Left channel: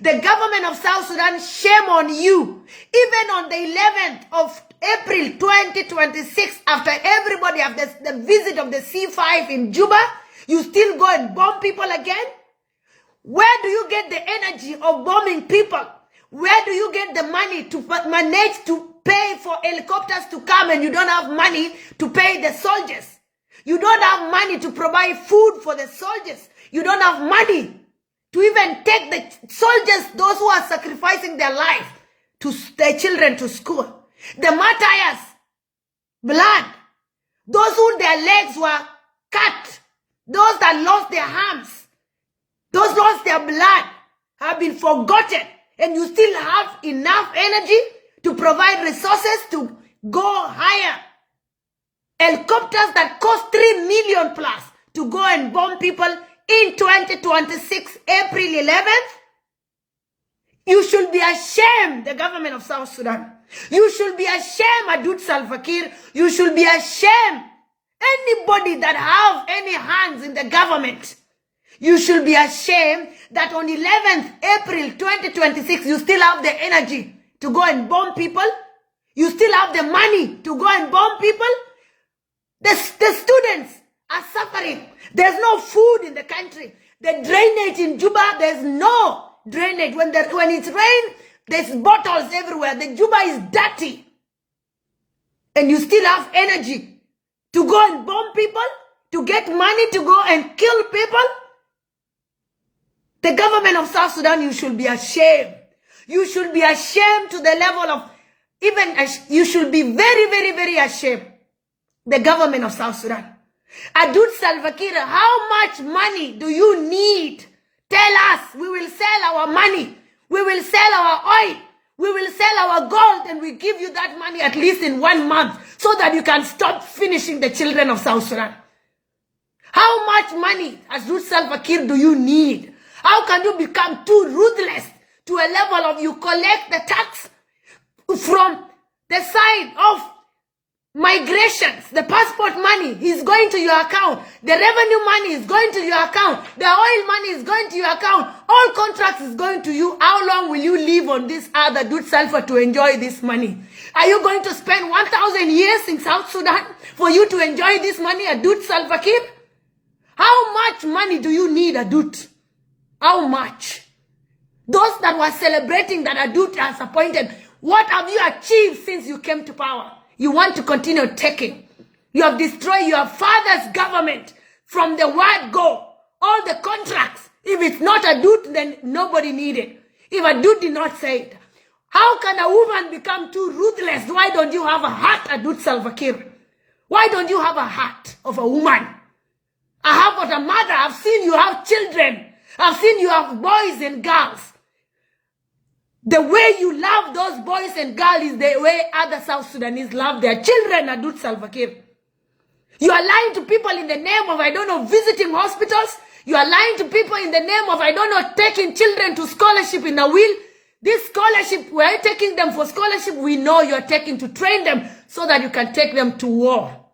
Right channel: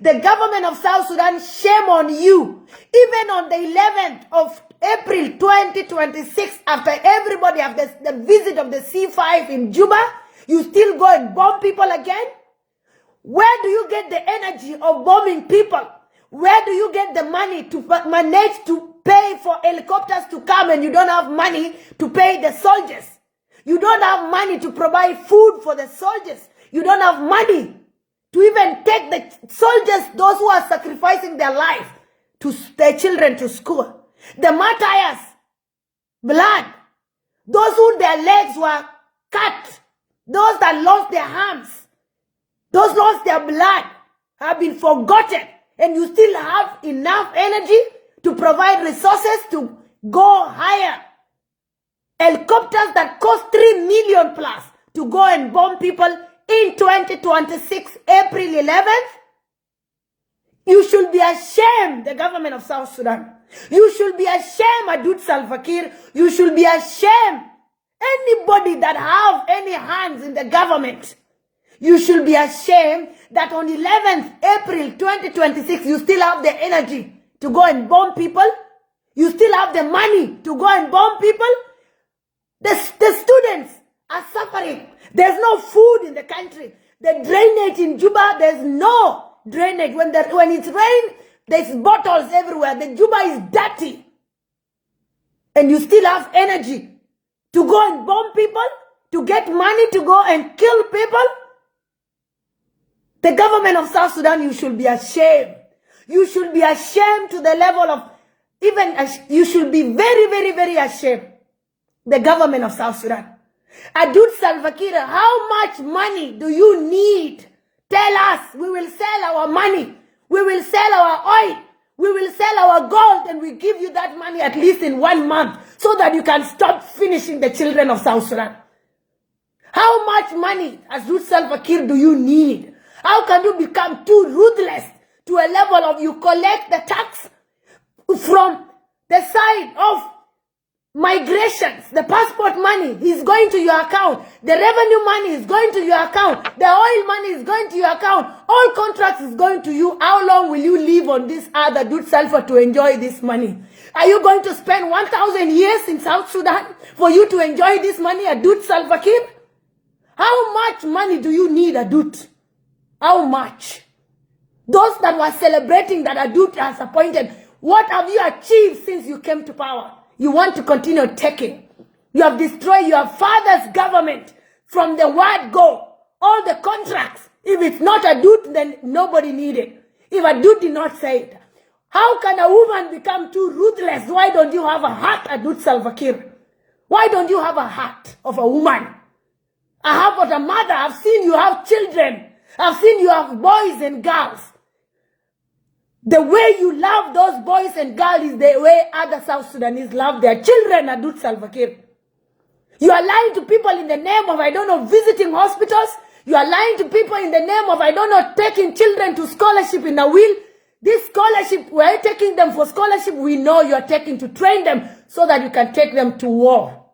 The government of South Sudan, shame on you. Even on the 11th of April 2026, after everybody have the visit of the C5 in Juba, you still go and bomb people again? Where do you get the energy of bombing people? Where do you get the money to manage to pay for helicopters to come and you don't have money to pay the soldiers? You don't have money to provide food for the soldiers. You don't have money to even take the soldiers, those who are sacrificing their life, to their children to school. The martyrs, blood, those who their legs were cut, those that lost their arms, those lost their blood, have been forgotten, and you still have enough energy to provide resources to go higher. Helicopters that cost 3 million plus to go and bomb people in 2026, April 11th. You should be ashamed, the government of South Sudan. You should be ashamed, adut Salve Kiir. You should be ashamed. Anybody that have any hands in the government, you should be ashamed that on 11th April 2026, you still have the energy to go and bomb people. You still have the money to go and bomb people. The students are suffering. There's no food in the country. The drainage in Juba, there's no drainage. When it's rain, there's bottles everywhere. The Juba is dirty. And you still have energy to go and bomb people, to get money to go and kill people. The government of South Sudan, you should be ashamed. You should be ashamed to the level of, you should be very, very, very ashamed. The government of South Sudan. Adut Salve Kiir, how much money do you need? Tell us. We will sell our money. We will sell our oil. We will sell our gold, and we give you that money at least in 1 month so that you can stop finishing the children of South Sudan. How much money, Adut Salve Kiir, do you need? How can you become too ruthless to a level of you collect the tax from the side of migrations? The passport money is going to your account. The revenue money is going to your account. The oil money is going to your account. All contracts is going to you. How long will you live on this other adut Salve to enjoy this money? Are you going to spend 1,000 years in South Sudan for you to enjoy this money, adut Salve Kiir? How much money do you need, adut? How much? Those that were celebrating that adut has appointed, what have you achieved since you came to power? You want to continue taking. You have destroyed your father's government from the word go. All the contracts. If it's not adut, then nobody needed. If adut did not say it. How can a woman become too ruthless? Why don't you have a heart, adut Salve Kiir? Why don't you have a heart of a woman? I have got a mother. I've seen you have children. I've seen you have boys and girls. The way you love those boys and girls is the way other South Sudanese love their children, adut Salve Kiir. You are lying to people in the name of, I don't know, visiting hospitals. You are lying to people in the name of, I don't know, taking children to scholarship in a will. This scholarship, we're taking them for scholarship. We know you are taking to train them so that you can take them to war.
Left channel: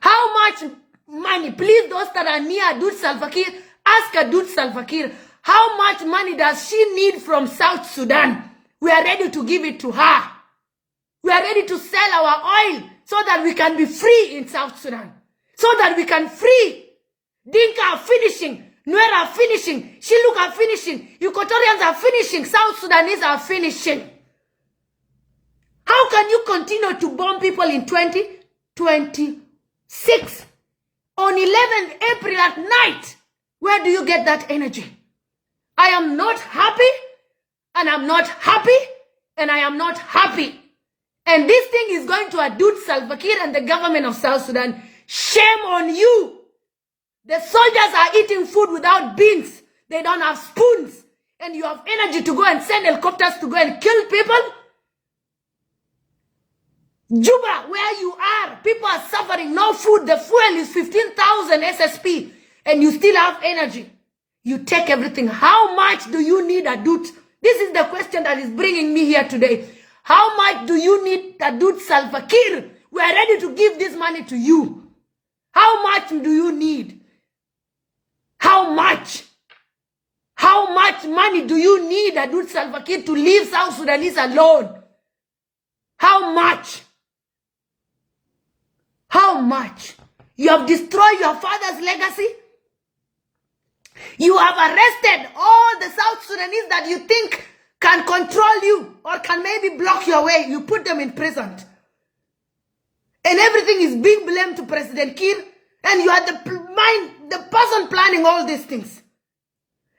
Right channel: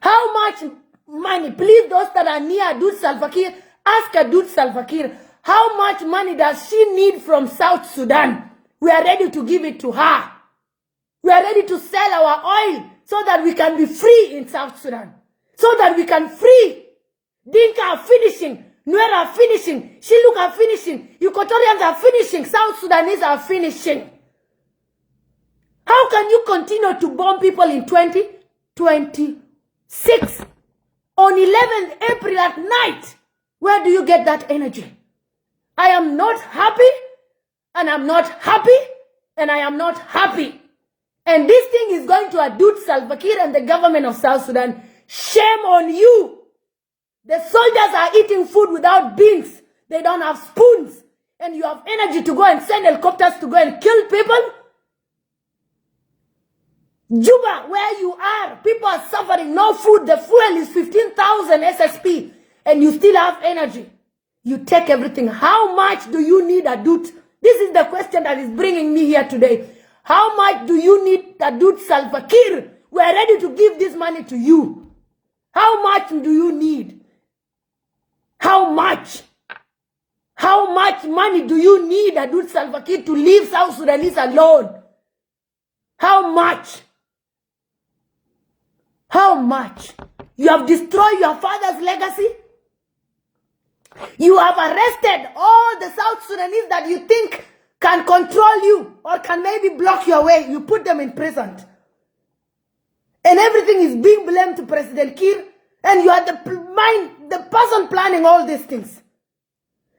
How much money, please, those that are near adut Salve Kiir, ask adut Salve Kiir, how much money does she need from South Sudan? We are ready to give it to her. We are ready to sell our oil so that we can be free in South Sudan. So that we can free. Dinka are finishing. Nuer are finishing. Shiluk are finishing. Equatorians are finishing. South Sudanese are finishing. How can you continue to bomb people in 2026? On 11th April at night, where do you get that energy? I am not happy, and I'm not happy, and I am not happy. And this thing is going to adut Salve Kiir and the government of South Sudan. Shame on you. The soldiers are eating food without beans. They don't have spoons. And you have energy to go and send helicopters to go and kill people. Juba, where you are, people are suffering, no food. The fuel is 15,000 SSP, and you still have energy. You take everything. How much do you need, adut? This is the question that is bringing me here today. How much do you need, adut Salve Kiir? We are ready to give this money to you. How much do you need? How much? How much money do you need, Adut Salva Kiir, to leave South Sudanese alone? How much? How much? You have destroyed your father's legacy. You have arrested all the South Sudanese that you think can control you or can maybe block your way. You put them in prison. And everything is being blamed to President Kiir. And you are the person planning all these things.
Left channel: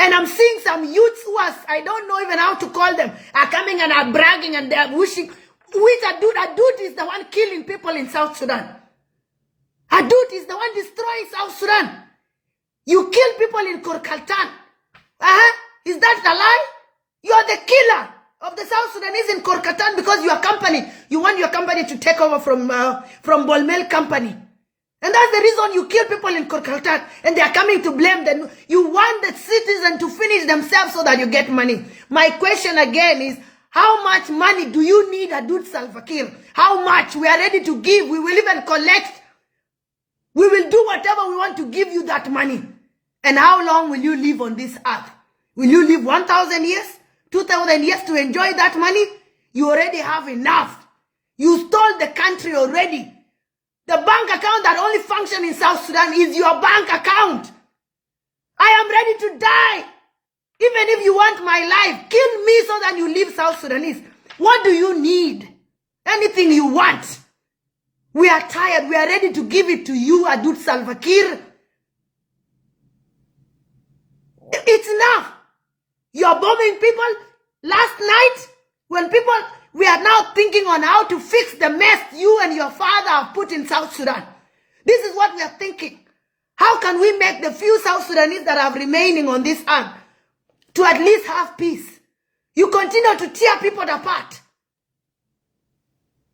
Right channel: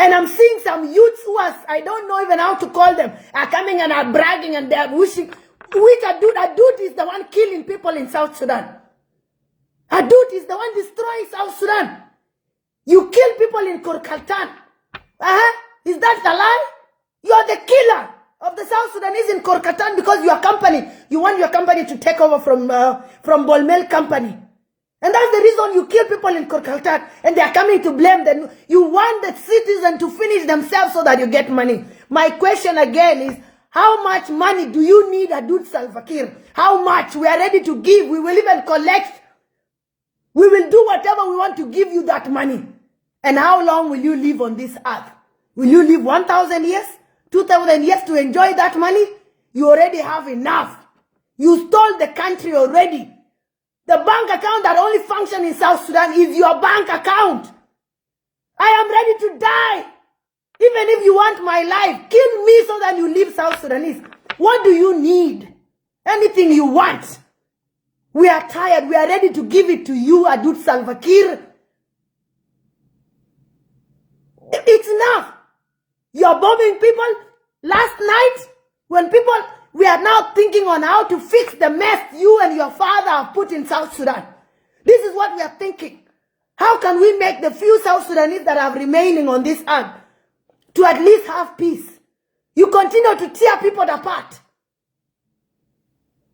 And I'm seeing some youths who are, I don't know even how to call them, are coming and are bragging and they are wishing. Which Adut? Adut is the one killing people in South Sudan. Adut is the one destroying South Sudan. You kill people in Korkaltan. Is that a lie? You are the killer of the South Sudanese in Korkaltan because your company, you want your company to take over from Bolmel company. And that's the reason you kill people in Korkaltan and they are coming to blame them. You want the citizens to finish themselves so that you get money. My question again is, how much money do you need, Adut Salva Kiir? How much? We are ready to give. We will even collect. We will do whatever we want to give you that money. And how long will you live on this earth? Will you live 1,000 years? 2,000 years to enjoy that money? You already have enough. You stole the country already. The bank account that only functions in South Sudan is your bank account. I am ready to die. Even if you want my life, kill me so that you leave South Sudanese. What do you need? Anything you want. We are tired. We are ready to give it to you, Adut Salva Kiir. It's enough. You're bombing people. Last night, when people, we are now thinking on how to fix the mess you and your father have put in South Sudan. This is what we are thinking. How can we make the few South Sudanese that are remaining on this earth to at least have peace? You continue to tear people apart.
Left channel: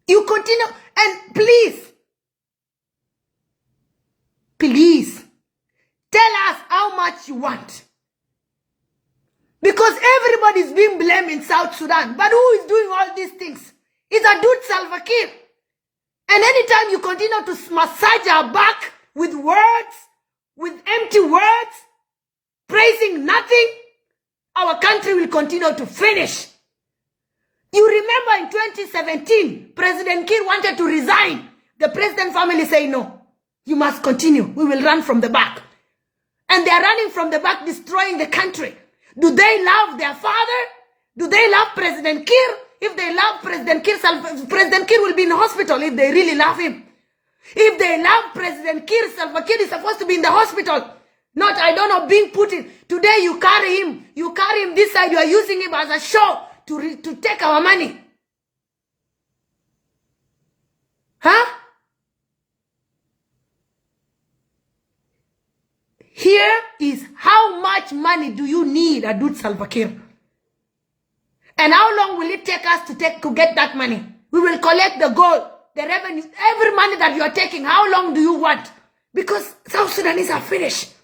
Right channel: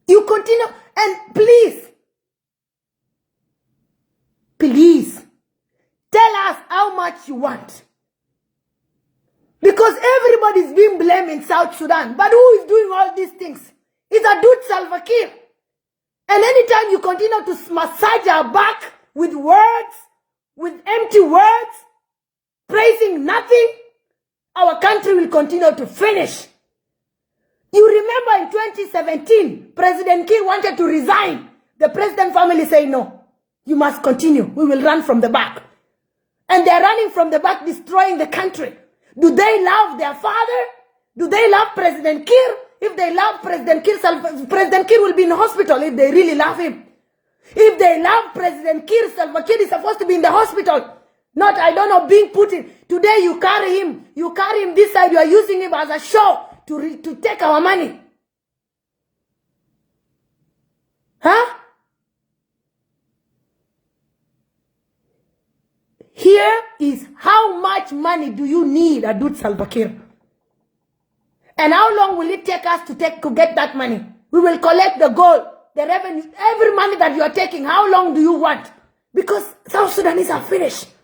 You continue, and please, tell us how much you want. Because everybody is being blamed in South Sudan. But who is doing all these things? It's Adut Salva Kiir. And anytime you continue to massage our back with words, with empty words, praising nothing, our country will continue to finish. You remember in 2017, President Kiir wanted to resign. The president family said, no, you must continue. We will run from the back. And they're running from the back, destroying the country. Do they love their father? Do they love President Kiir? If they love President Kiir, President Kiir will be in the hospital if they really love him. If they love President Kiir, Salva Kiir is supposed to be in the hospital. Not, I don't know, being put in. Today you carry him. You carry him this side. You are using him as a show to take our money. Huh? Here is how much money do you need, Adut Salva Kiir? And how long will it take us to get that money? We will collect the gold, the revenue, every money that you are taking. How long do you want? Because South Sudanese are finished.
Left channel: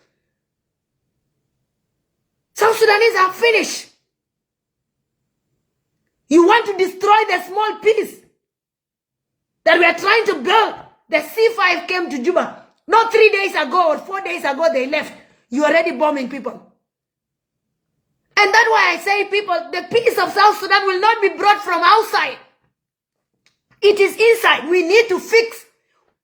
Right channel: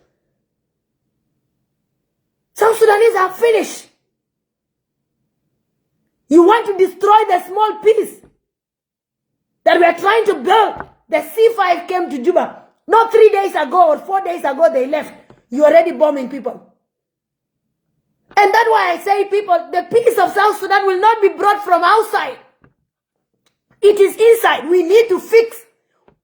South Sudanese are finished. You want to destroy the small piece that we are trying to build. The C5 came to Juba. Not 3 days ago or 4 days ago they left. You're already bombing people. And that's why I say, people, the peace of South Sudan will not be brought from outside. It is inside. We need to fix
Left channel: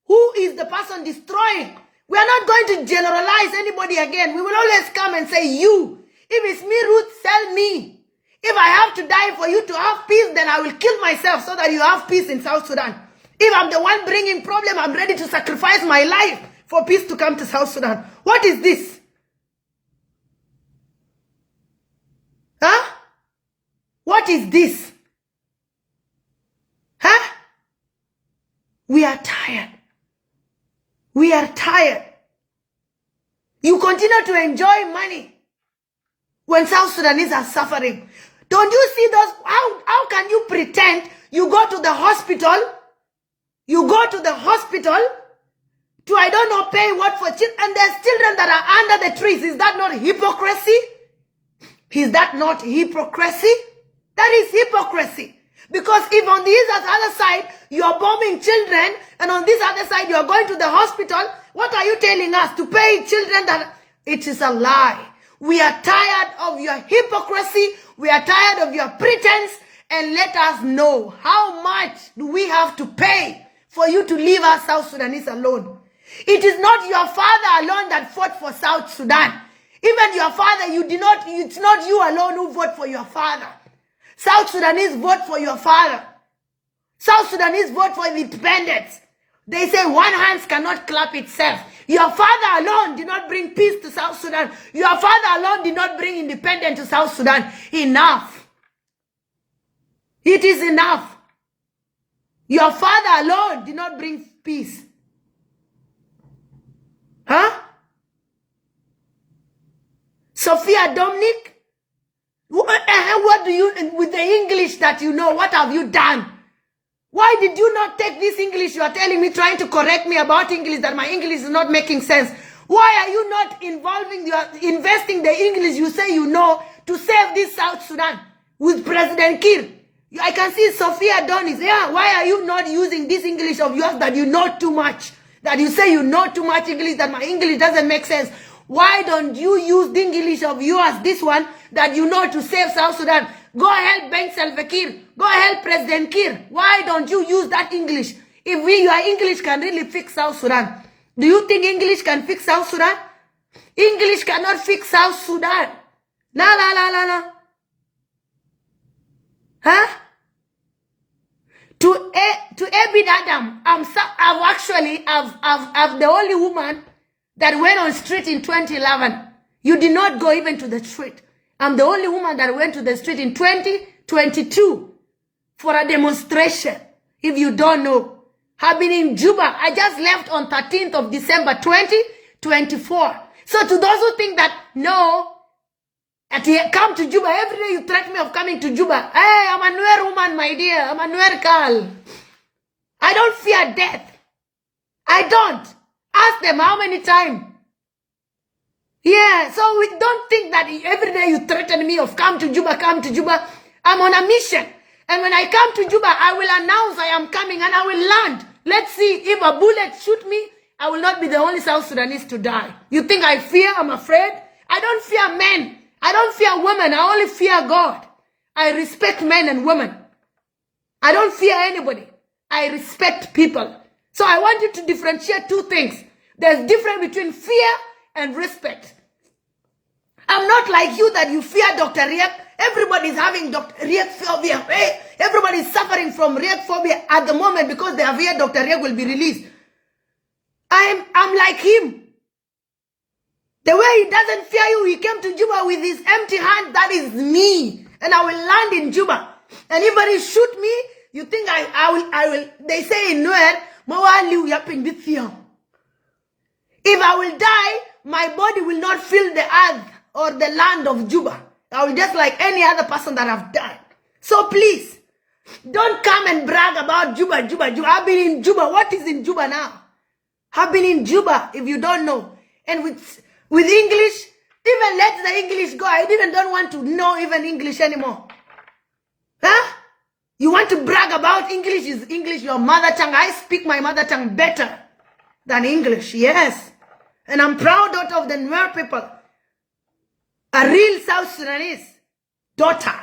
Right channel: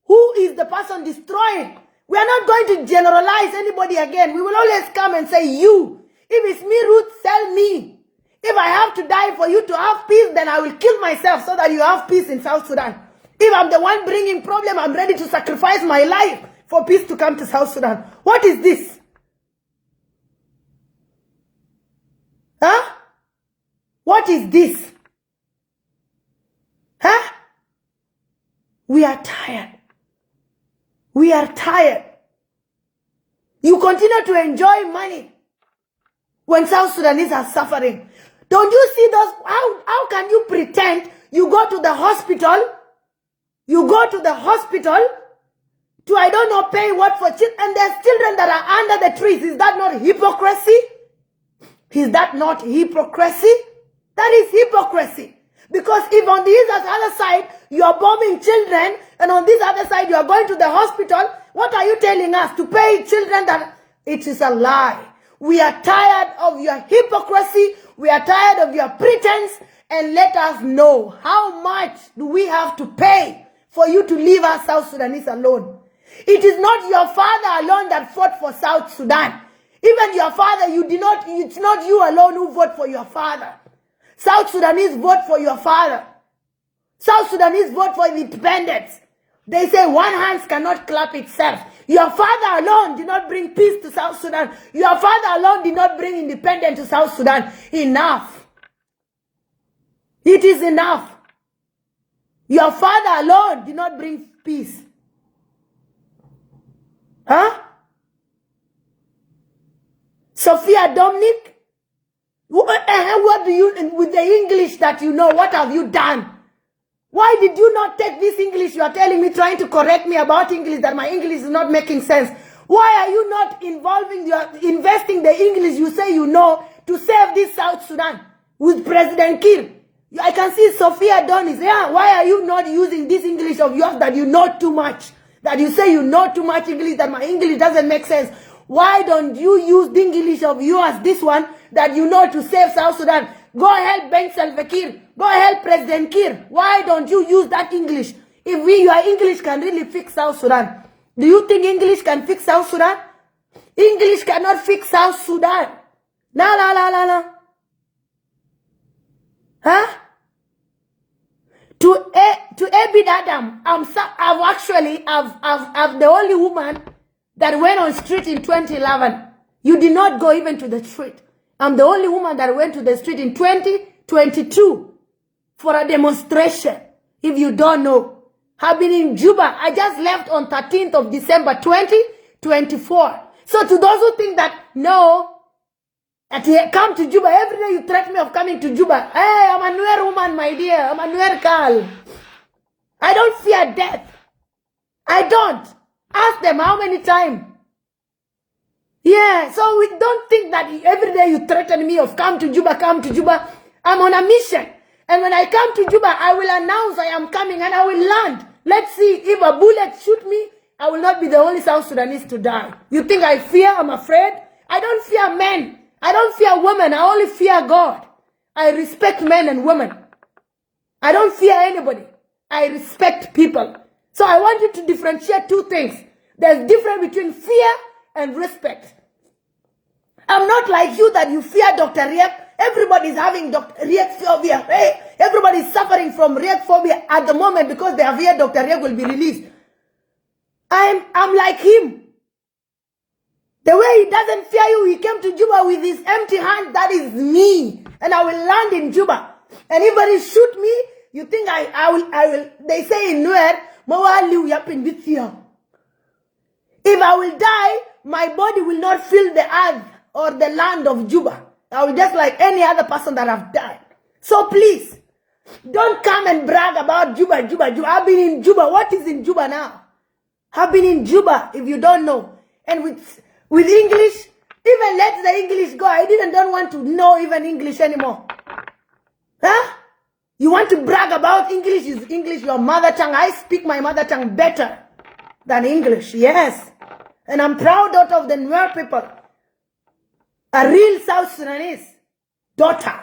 who is the person destroying. We are not going to generalize anybody again. We will always come and say, you. If it's me, Ruth, tell me. If I have to die for you to have peace, then I will kill myself so that you have peace in South Sudan. If I'm the one bringing problem, I'm ready to sacrifice my life for peace to come to South Sudan. What is this? Huh? What is this? Huh? We are tired. We are tired. You continue to enjoy money when South Sudanese are suffering. Don't you see those? How can you pretend you go to the hospital? You go to the hospital to, I don't know, pay what for children, and there's children that are under the trees. Is that not hypocrisy? Is that not hypocrisy? That is hypocrisy. Because if on this other side, you're bombing children, and on this other side, you're going to the hospital, what are you telling us? To pay children that... It is a lie. We are tired of your hypocrisy. We are tired of your pretense. And let us know, how much do we have to pay for you to leave us South Sudanese alone? It is not your father alone that fought for South Sudan. Even your father, it's not you alone who vote for your father. South Sudanese vote for your father. South Sudanese vote for independence. They say one hand cannot clap itself. Your father alone did not bring peace to South Sudan. Your father alone did not bring independence to South Sudan. Enough. It is enough. Your father alone did not bring peace. Huh? Sophia Dominic, what do you, with the English that you know, what have you done? Why did you not take this English you are telling me, trying to correct me about English, that my English is not making sense? Why are you not investing the English you say you know to save this South Sudan with President Kiir? I can see Sophia Donis. Yeah, why are you not using this English of yours that you know too much? That you say you know too much English, that my English doesn't make sense. Why don't you use the English of yours, this one, that you know to save South Sudan? Go help Salve Kiir. Go help President Kiir. Why don't you use that English? If your English can really fix South Sudan. Do you think English can fix South Sudan? English cannot fix South Sudan. La la la la la. Huh? To Abid Adam, I'm the only woman that went on street in 2011. You did not go even to the street. I'm the only woman that went to the street in 2022 for a demonstration. If you don't know, I've been in Juba. I just left on 13th of December 2024. So to those who think that, no, come to Juba, every day you threaten me of coming to Juba. Hey, I'm a Nuer woman, my dear. I'm a Nuer girl. I don't fear death. I don't. Ask them how many times. Yeah, so we don't think that every day you threaten me of come to Juba, come to Juba. I'm on a mission. And when I come to Juba, I will announce I am coming and I will land. Let's see, if a bullet shoot me, I will not be the only South Sudanese to die. You think I fear? I'm afraid? I don't fear men. I don't fear women. I only fear God. I respect men and women. I don't fear anybody. I respect people. So I want you to differentiate two things. There's difference between fear and respect. I'm not like you that you fear Dr. Riek. Everybody's having Dr. Riek phobia. Hey, everybody's suffering from Riek phobia at the moment because they are fear Dr. Riek will be released. I'm like him. The way he doesn't fear you, he came to Juba with his empty hand. That is me. And I will land in Juba. Anybody shoot me, you think I will, they say in Nuer, if I will die, my body will not feel the earth or the land of Juba. I will just like any other person that have died. So please, don't come and brag about Juba. I've been in Juba. What is in Juba now? I've been in Juba, if you don't know. And with English, even let the English go. I even don't want to know even English anymore. Huh? You want to brag about English? Is English your mother tongue? I speak my mother tongue better than English, yes. And I'm proud daughter of the Nuer people. A real South Sudanese daughter.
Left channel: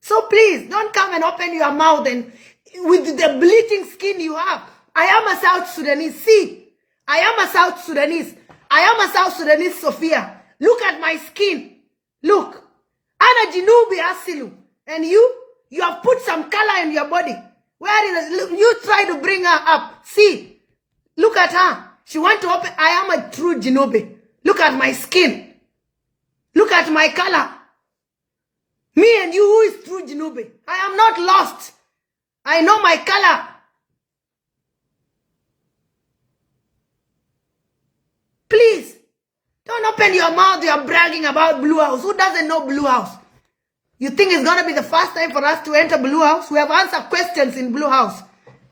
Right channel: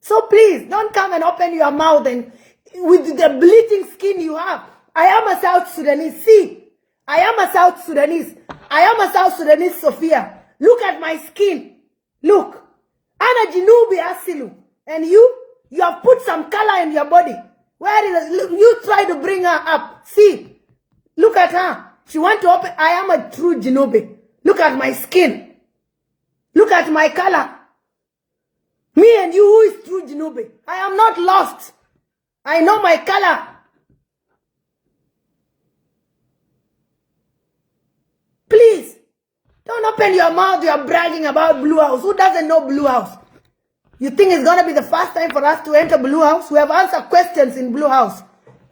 So please, don't come and open your mouth and with the bleaching skin you have. I am a South Sudanese. See, I am a South Sudanese. I am a South Sudanese Sophia. Look at my skin. Look. Ana Jinubi Asilu. And you have put some color in your body. Where is it? Look, you try to bring her up. See. Look at her. She want to open. I am a true Jinubi. Look at my skin. Look at my color. Me and you, who is true Jinubi? I am not lost. I know my color. Please, don't open your mouth. You are bragging about Blue House. Who doesn't know Blue House? You think it's going to be the first time for us to enter Blue House? We have answered questions in Blue House.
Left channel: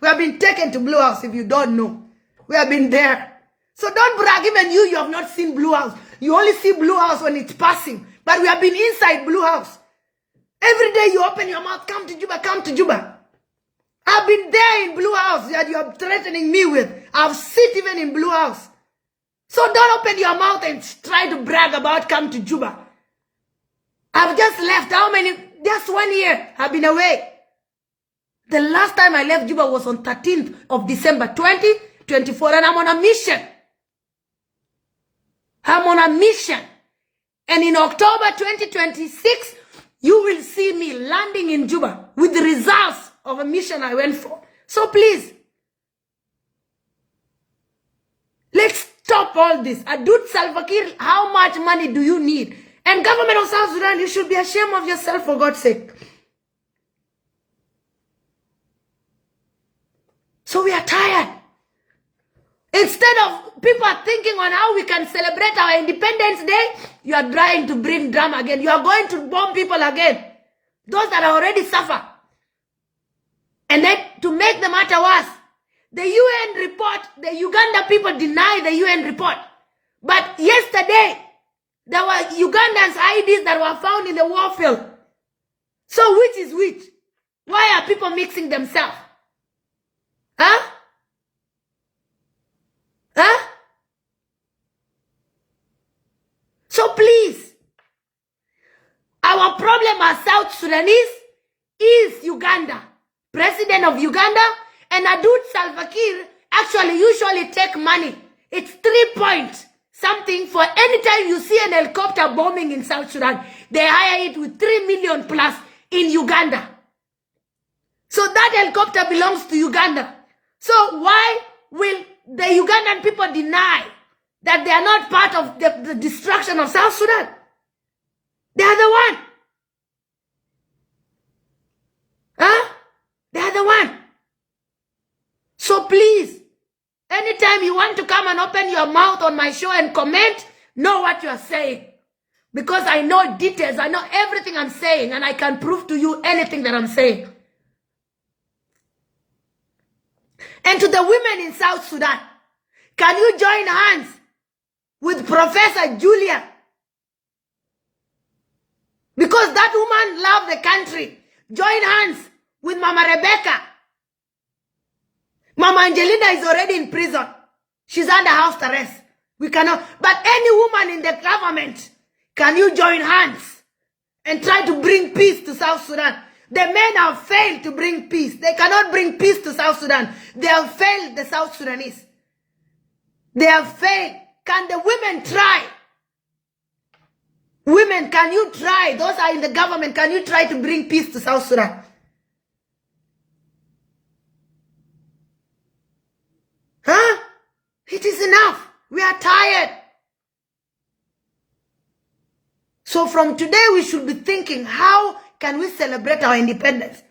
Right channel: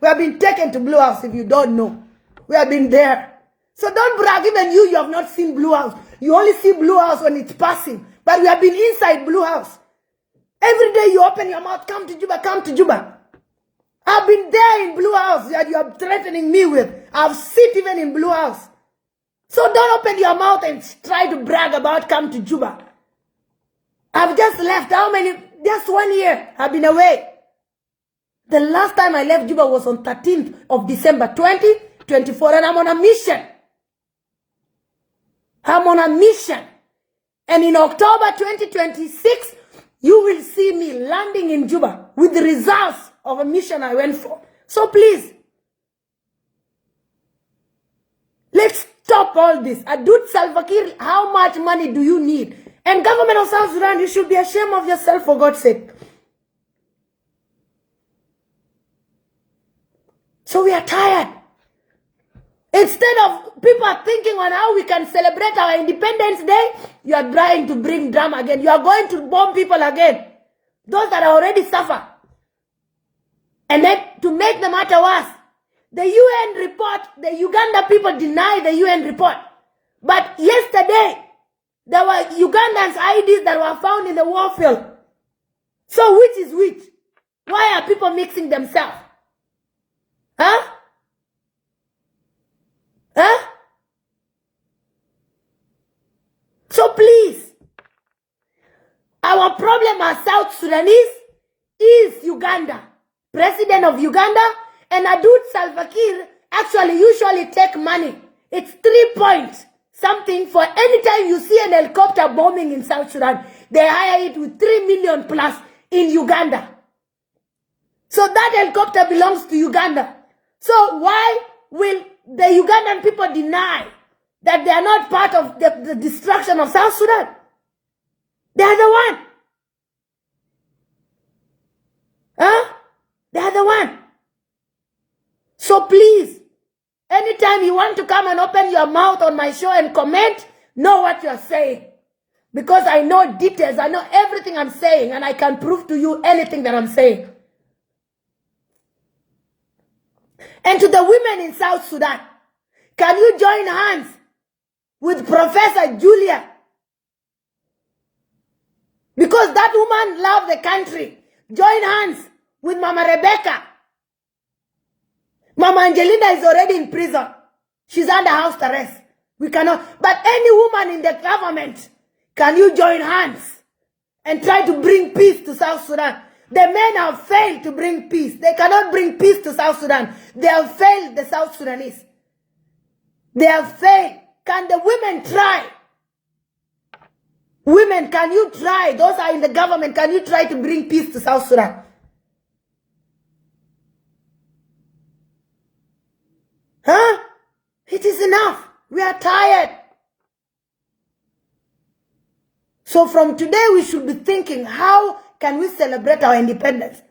We have been taken to Blue House, if you don't know. We have been there. So don't brag. Even you have not seen Blue House. You only see Blue House when it's passing. But we have been inside Blue House. Every day you open your mouth, come to Juba, come to Juba. I've been there in Blue House that you are threatening me with. I've sit even in Blue House. So don't open your mouth and try to brag about come to Juba. I've just left. How many? Just 1 year I've been away. The last time I left Juba was on 13th of December 2024, and I'm on a mission. I'm on a mission. And in October 2026, you will see me landing in Juba with the results of a mission I went for. So please, let's stop all this. Adut, Salve, Kiir, how much money do you need? And government of South Sudan, you should be ashamed of yourself, for God's sake. So we are tired. Instead of people are thinking on how we can celebrate our Independence Day, you are trying to bring drama again. You are going to bomb people again. Those that are already suffer. And then to make the matter worse, the UN report, the Uganda people deny the UN report. But yesterday, there were Ugandans' IDs that were found in the war field. So which is which? Why are people mixing themselves? Huh? Huh? So please, our problem as South Sudanese is Uganda. President of Uganda and Adut Salve Kiir actually usually take money. It's 3 points something for any time you see an helicopter bombing in South Sudan. They hire it with 3 million plus in Uganda. So that helicopter belongs to Uganda. So why will the Ugandan people deny that they are not part of the destruction of South Sudan? They are the one. Huh? They are the one. So please, anytime you want to come and open your mouth on my show and comment, know what you are saying. Because I know details, I know everything I'm saying, and I can prove to you anything that I'm saying. And to the women in South Sudan, can you join hands with Professor Julia? Because that woman loved the country. Join hands with Mama Rebecca. Mama Angelina is already in prison. She's under house arrest. We cannot. But any woman in the government, can you join hands and try to bring peace to South Sudan? The men have failed to bring peace. They cannot bring peace to South Sudan. They have failed the South Sudanese. They have failed. Can the women try? Women, can you try? Those are in the government. Can you try to bring peace to South Sudan? Huh? It is enough. We are tired. So from today, we should be thinking, how can we celebrate our independence?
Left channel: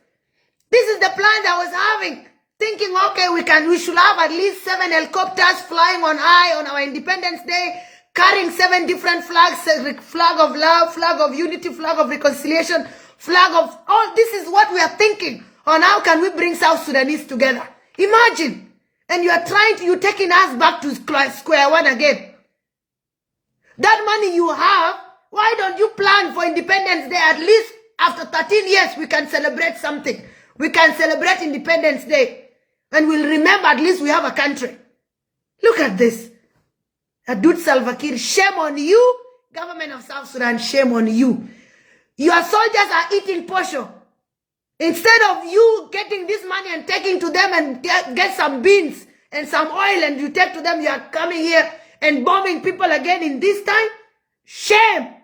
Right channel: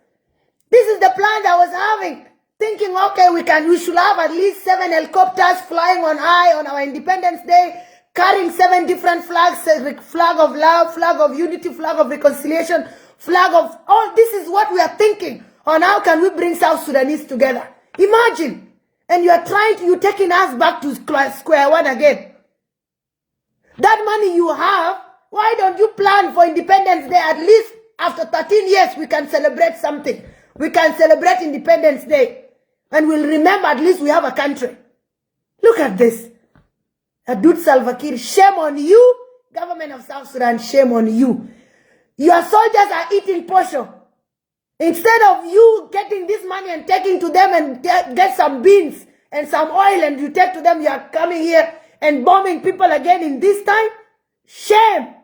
This is the plan I was having. Thinking, okay, we should have at least 7 helicopters flying on high on our Independence Day, carrying 7 different flags, flag of love, flag of unity, flag of reconciliation, flag of all. This is what we are thinking on how can we bring South Sudanese together. Imagine. And you're taking us back to square one again. That money you have, why don't you plan for Independence Day? At least after 13 years, we can celebrate something. We can celebrate Independence Day. And we'll remember at least we have a country. Look at this. Adut Salve Kiir, shame on you. Government of South Sudan, shame on you. Your soldiers are eating posho. Instead of you getting this money and taking to them and get some beans and some oil and you take to them, you are coming here and bombing people again in this time. Shame.